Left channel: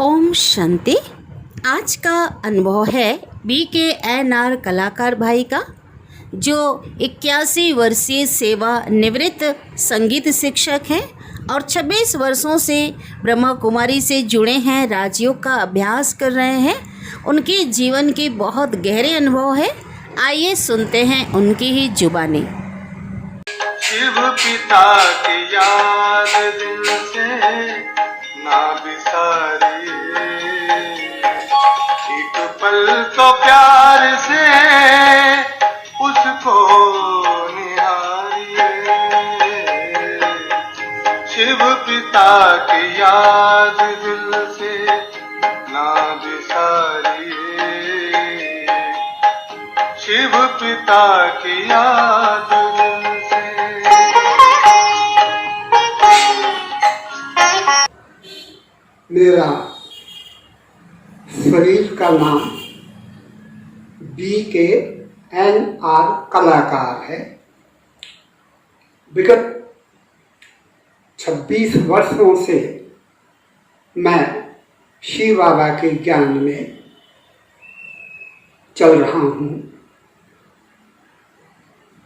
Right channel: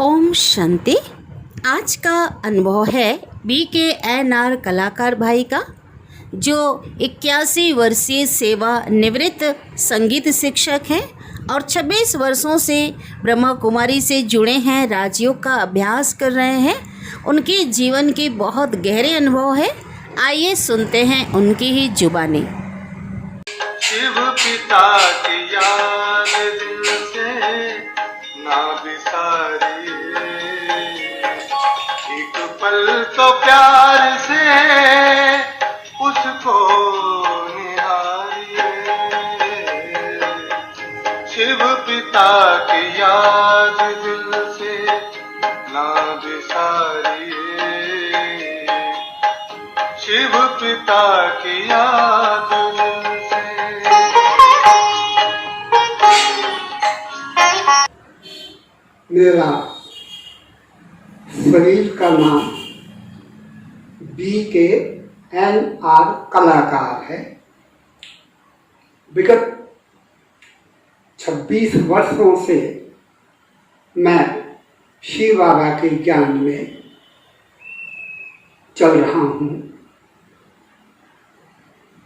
ओम शांति। आज का अनुभव है BKNR कलाकार भाई का, जो 81 वर्षीय सेवा निवृत्त संगीत शिक्षक हैं और 26 वर्षों से ब्रह्मा कुमारी से जुड़े हैं, राजयोग का अभ्यास कर रहे हैं। उनके जीवन के बहुत गहरे अनुभव है। आइए सुनते हैं उनकी ही जुबानी। शिव पिता की याद दिल से ना बिसारिए, एक पल तो प्यार से उसको निहारिए। शिव पिता की याद दिल से ना बिसारिए, शिव पिता की याद दिल से। मेरा शरीर का नाम BKNR कलाकार है। विगत 26 वर्षों से मैं शिव बाबा के ज्ञान में चल रहा हूँ।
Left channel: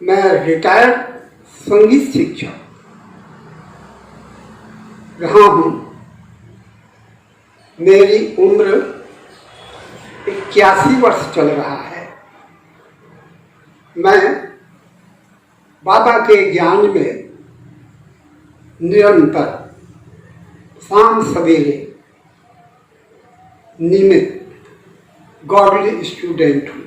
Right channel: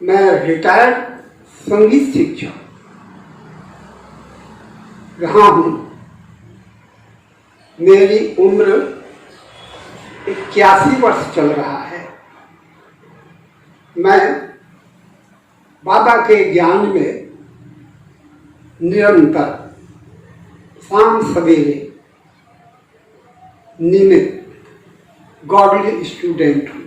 मैं रिटायर्ड संगीत शिक्षक रहा हूँ। मेरी उम्र 81 वर्ष चल रहा है। मैं बाबा के ज्ञान में निरंतर शाम सवेरे नियमित गॉडली स्टूडेंट हूँ।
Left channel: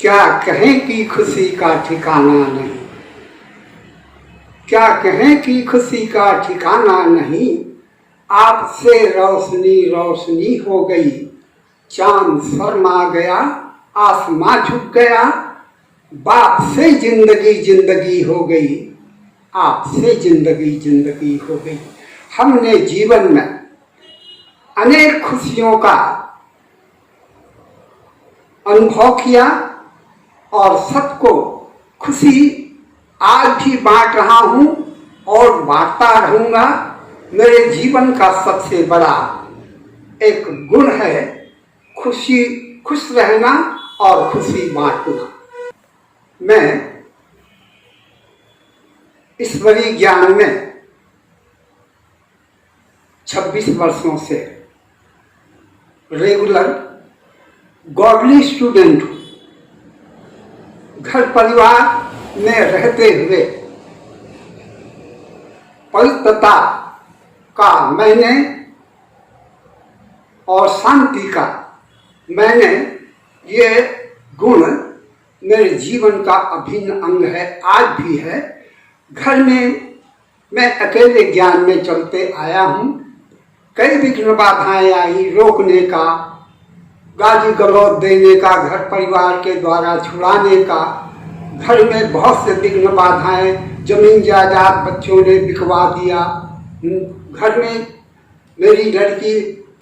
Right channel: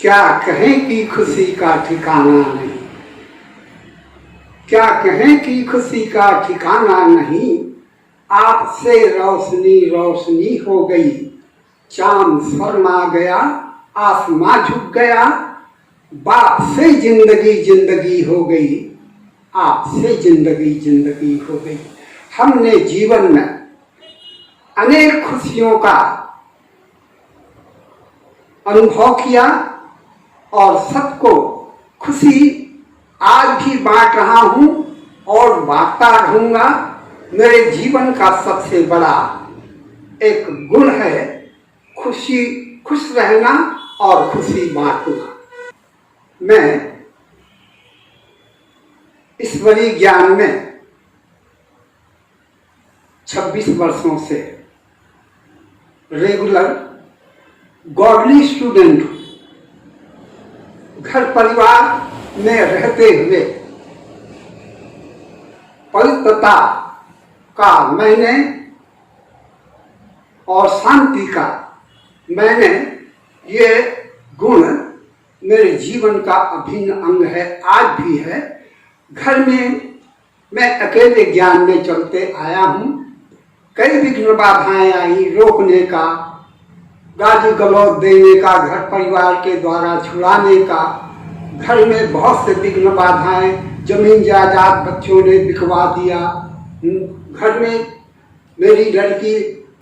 क्या कहें कि खुशी का ठिकाना नहीं, क्या कहें कि खुशी का ठिकाना नहीं। आपसे रोशनी रोशनी हो गई, चांद शर्मा गया, आसमां झुक गया। बाप से जिंदगी जिंदगी हो गई, आपसे जिंदगी जिंदगी हो गई। हमने जीवन में अनेक खुशियों का अनुभव किया और सबको खुशी आज भी बांट रहा हूँ और बांटता रहूंगा। मेरे जीवन का सबसे बड़ा एक गुण है खुश रहना और खुशी बांटना। मैं ईश्वरीय ज्ञान में 26 वर्षों से रेगुलर गॉडली स्टूडेंट हूँ। घर परिवार में रहते हुए पवित्रता का मैंने और शांति का मैंने ये गुण मेरे जीवन का अभिन्न अंग है, आज भी है। घर में मैं अकेले ज्ञान में चलते आया हूँ। कई विघ्न बाधाएं आई, रोकने का, गाली गलौज देने का, घर परिवार के द्वारा छुड़ाने का। घर में बहुत से विघ्न बाधाएं, जमीन जायदाद बच्चों ने बिकवा दिया। घर में मेरी लड़की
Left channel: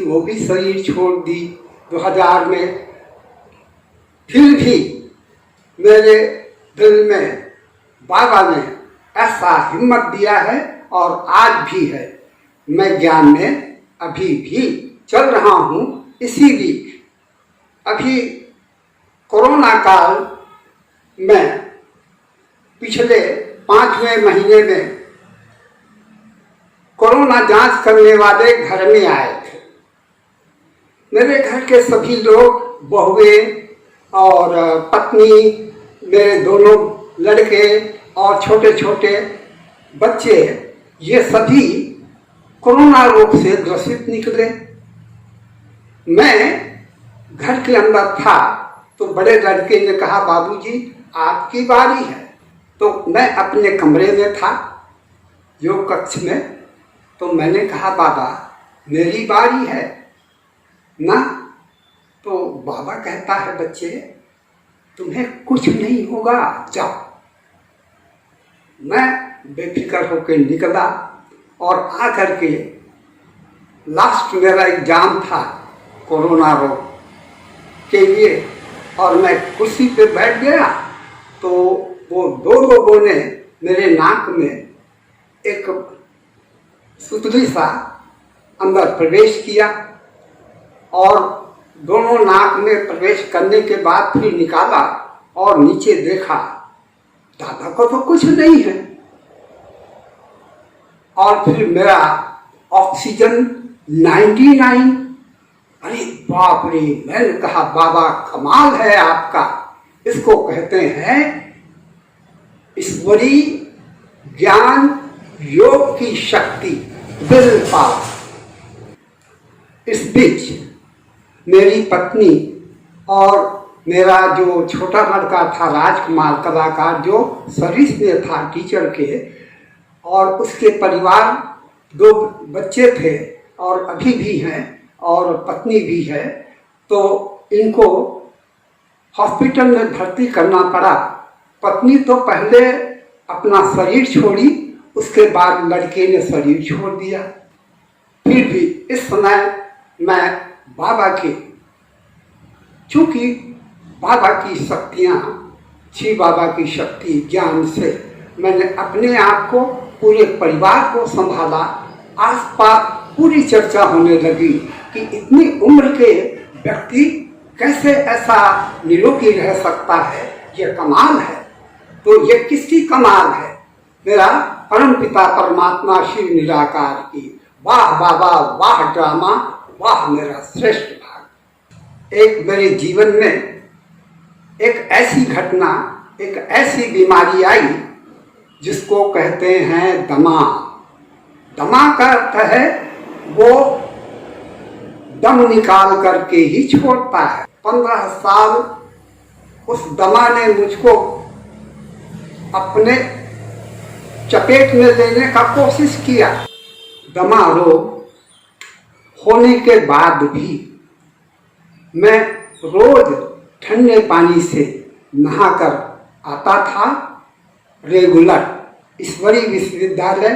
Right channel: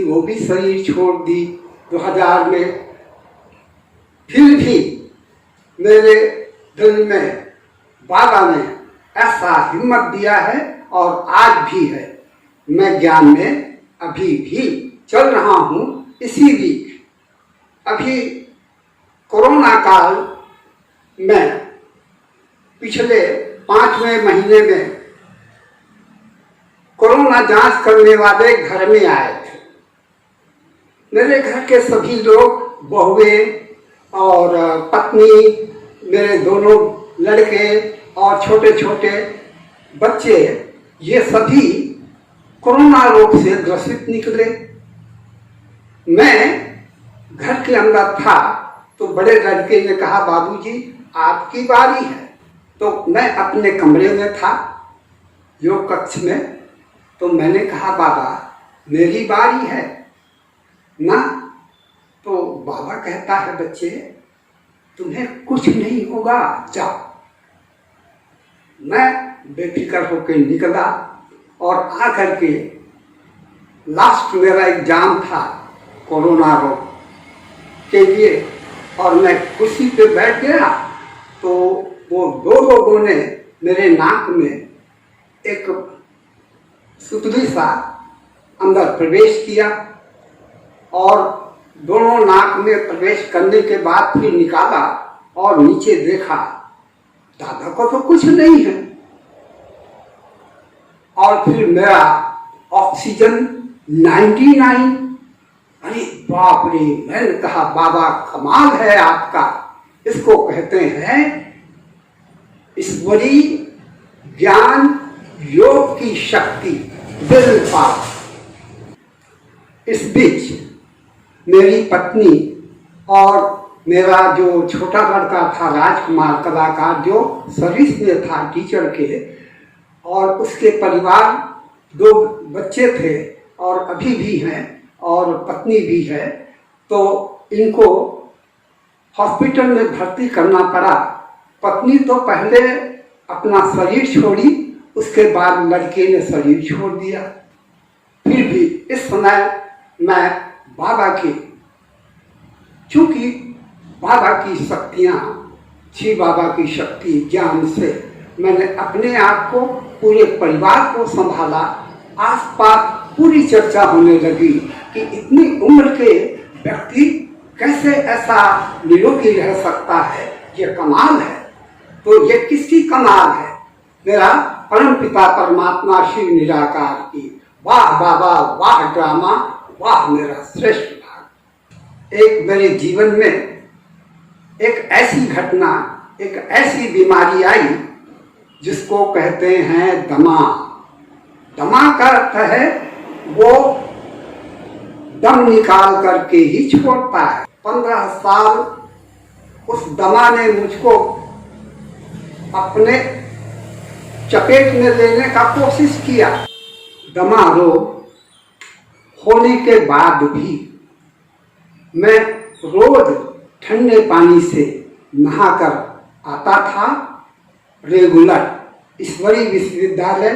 वो भी शरीर छोड़ दी 2000 में। फिर भी मेरे दिल में बाबा ने ऐसा हिम्मत दिया है और आज भी है। मैं ज्ञान में अभी भी चल रहा हूँ। इसीलिए अभी कोरोना काल में पिछले 5वें महीने में कोरोना जांच करने वाले घर में आए थे। मेरे घर के सभी लोग, बहुएं और पत्नी, मेरे दोनों लड़के और छोटे छोटे बच्चे, ये सभी कोरोना रोग से ग्रसित निकले। मैं घर के अंदर था तो बड़े लड़के ने कहा, बाबूजी आपकी बारी है। तो मैं अपने कमरे में था, योग कक्ष में। तो मैंने कहा, बाबा मेरी बारी है ना। तो बाबा कहता है, बच्चे तुम्हें कुछ नहीं होगा, जाओ। मैं बेफिक्र होकर निकला और आकर के लास्ट मेरा एग्जाम था कोरोना रोग के लिए और मैं कुर्सी पे बैठ गया तो वो दो लोगों ने मेरे नाक में एक सुतली सा अंदर प्रवेश किया और दोनों नाक में प्रवेश करने के बाद फिर निकाला और नीचे देखा, दादा को तो कुछ नहीं है। और फिर मेरा ऑक्सीजन 99। अरे बाप रे, मैंने कहा बाबा कमाल है आपका, इसको कहते हैं ईश्वरी ज्ञान योग की शक्ति, विल पावर। इस बीच मेरी पत्नी और मेरा जो छोटा लड़का था राजकुमार कलाकार, जो सर्विस में था टीचर के, और उसके परिवार 2 बच्चे थे और अभी भी हैं और पत्नी भी है, तो इनको हॉस्पिटल में भर्ती करना पड़ा। पत्नी तो पहले अपना शरीर छोड़ी, उसके बाद लड़के ने शरीर छोड़ दिया। फिर भी इस समय मैं बाबा के, चूंकि बाबा की शक्तियाँ, श्री बाबा की शक्ति ज्ञान से मैंने अपने आप को, पूरे परिवार को संभाला। आसपास पूरी चर्चा होने लगी कि इतनी उम्र के व्यक्ति कैसे ऐसा निरोगी रह सकता है, ये कमाल है। तो ये किसकी कमाल है? मेरा परम पिता परमात्मा शिव निराकार की। वाह बाबा, वाह ड्रामा, वाह मेरा श्रेष्ठ भाग। एक मेरे जीवन में एक ऐसी घटना, एक ऐसी बीमारी आई जिसको कहते हैं दमा। दमा का अर्थ है वो दम निकाल करके ही छोड़ता है। 15 साल उस दमा ने मुझको अपने चपेट में लेने का कोशिश किया। दमा रोग होने के बाद भी मैं रोज ठंडे पानी से नहाकर आता था रेगुलर ईश्वरी विश्वविद्यालय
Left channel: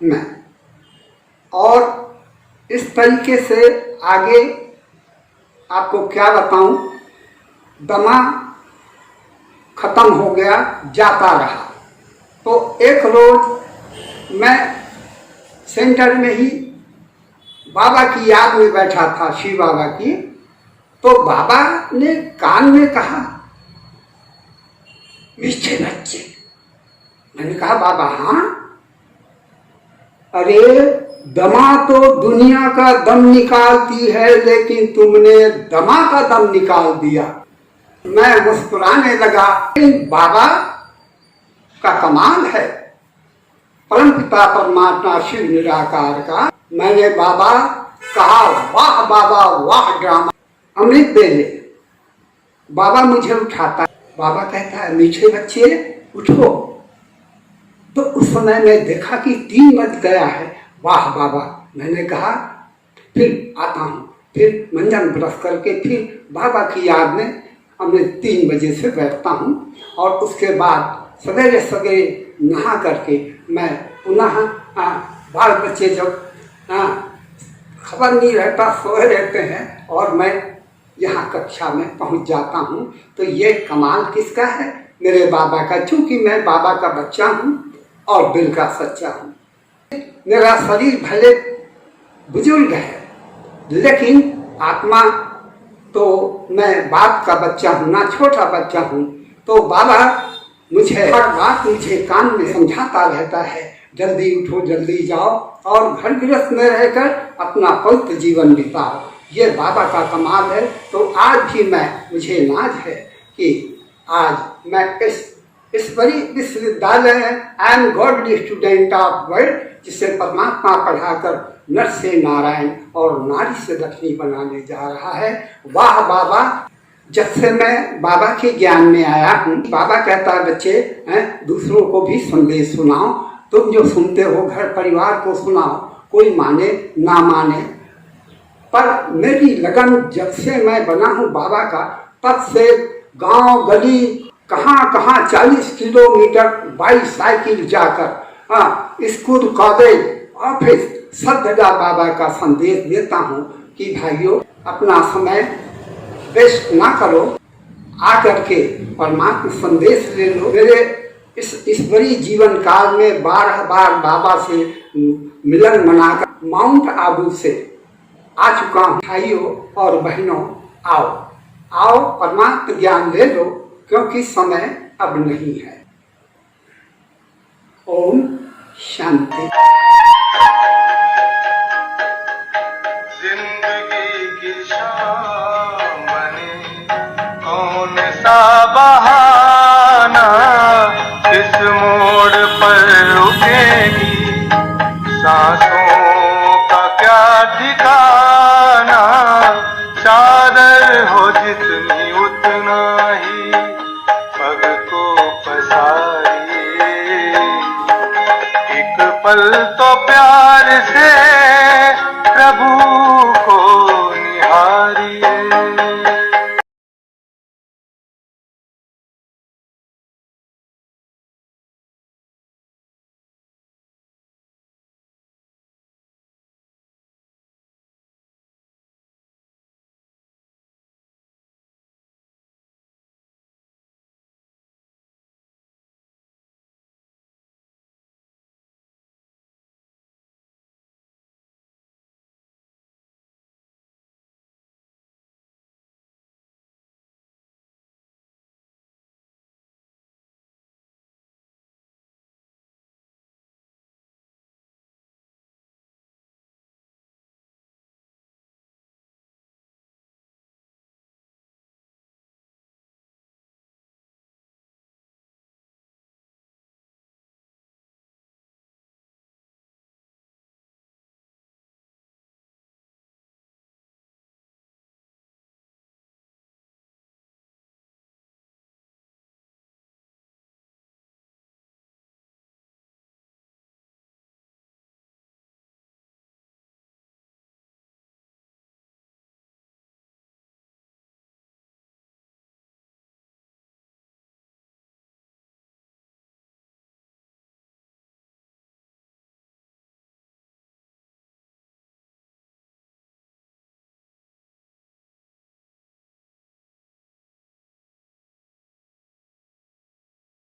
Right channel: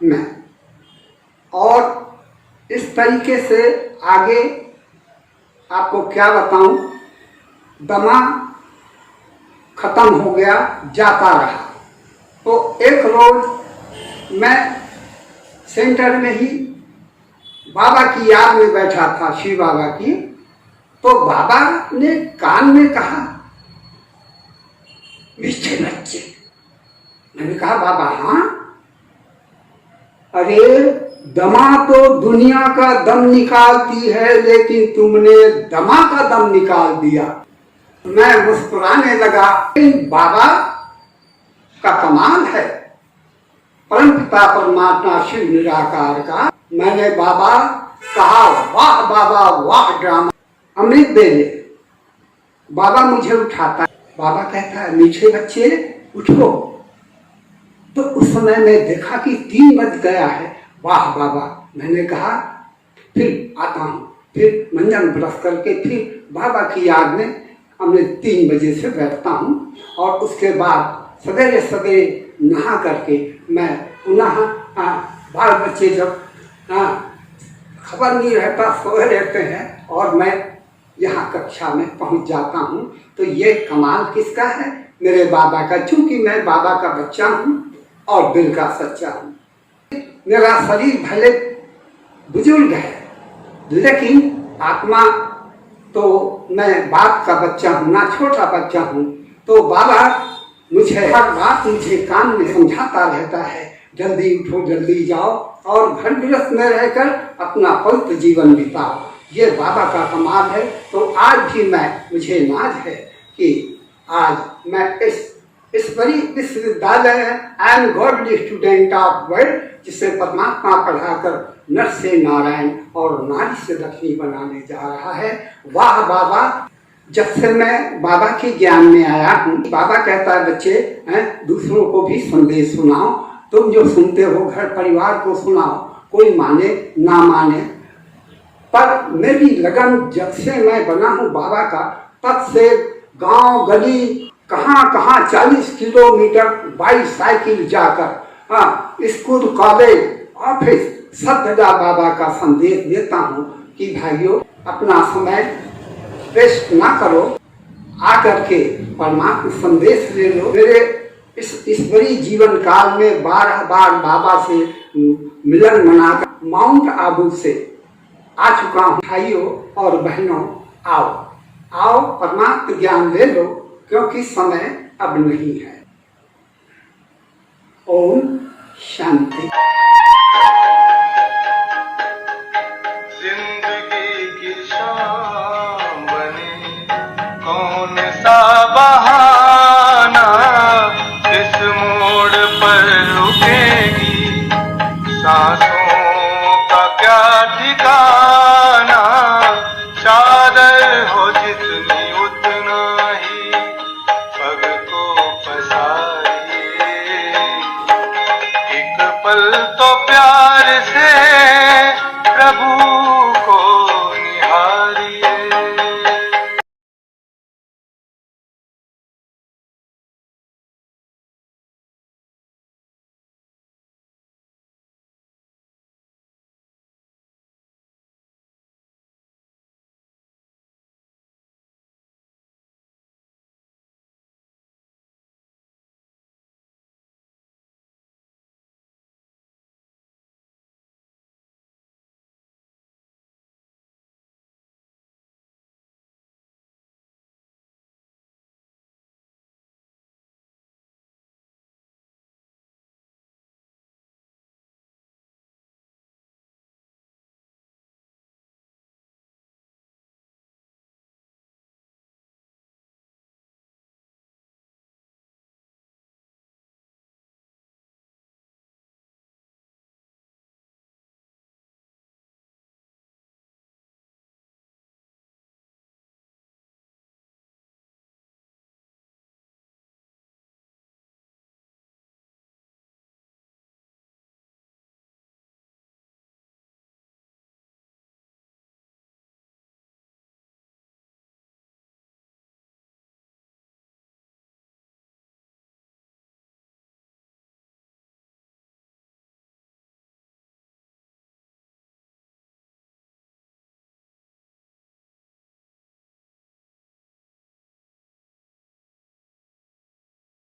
में। और इस तरीके से आगे आपको क्या बताऊं, दमा खत्म हो गया, जाता रहा। तो एक रोज मैं सेंटर में ही बाबा की याद में बैठा था, शिव बाबा की। तो बाबा ने कान में कहा, मीठे बच्चे। मैंने कहा बाबा हाँ? अरे दमा तो दुनिया का दम निकालती है, लेकिन तुमने दमा का दम निकाल दिया। मैं मुस्कुराने लगा। बाबा का कमाल है, परम पिता परमात्मा शिव निराकार का। मैंने बाबा कहा, वाह बाबा, वाह ड्रामा। अमृत दे ले। बाबा मुझे उठाता, बाबा कहता है मीठे बच्चे उठो। तो उस समय मैं देखा कि 3 बज गया है। वाह बाबा, मैंने कहा फिर आता हूँ। फिर मंजन ब्रश करके फिर बाबा की याद में हमने 3 बजे से बैठता हूँ। और उसके बाद सवेरे सवेरे नहा करके मैं पुनः बाल बच्चे जब खबर नहीं रहता, सोए रहते हैं और मैं यहाँ कक्षा में पहुँच जाता हूँ। तो ये कमाल किसका है? मेरे बाबा का। चूंकि मैं बाबा का बच्चा हूँ और दिल का सच्चा हूँ। मेरा शरीर भले बुजुर्ग है, लेकिन आत्मा तो मैं बाप का बच्चा हूँ ना, छोटा बच्चा हूँ। तो बाबा मुझे हर बात मुझे कान में समझाता रहता है, जल्दी उठो, जल्दी जाओ और घर गृहस्थ में रहकर अपना पवित्र जीवन बिताओ। ये बाबा का कमाल है। तो आज भी मुझे नाज है कि आज मैं इस ईश्वरी विश्वविद्यालय and godly student of world, जिसे परमात्मा पढ़ाकर नर से नारायण और नारी से लक्ष्मी बनाने जा रहा है। वाह बाबा, जब से मैं बाबा के ज्ञान में आया हूँ, बाबा कहता है बच्चे दूसरों को भी संदेश सुनाओ। तुम जो सुनते हो घर परिवार को सुनाओ, कोई माने ना माने। पर मेरी लगन जब से मैं बना हूँ बाबा का, तब से गांव गली कहाँ कहाँ 40 किलोमीटर बाइक साइकिल जाकर स्कूल कॉलेज ऑफिस सब जगह बाबा का संदेश देता हूँ कि भाइयों अपना समय वेस्ट ना करो, आकर के परमात्मा संदेश ले लो। मेरे इस ईश्वरीय जीवन काल में 12 बार बाबा से मिलन मनाकर माउंट आबू से आ चुका हूँ। भाइयों और बहनों, आओ आओ परमात्म ज्ञान ले लो, क्योंकि समय अब नहीं है। ओम शांति। जिंदगी की शाम बनी कौन सा बहाना, इस मोड़ पर रुकेगी सांसों का क्या ठिकाना। चादर हो जितनी उतना ही पग को पसारिए, एक पल तो प्यार से प्रभु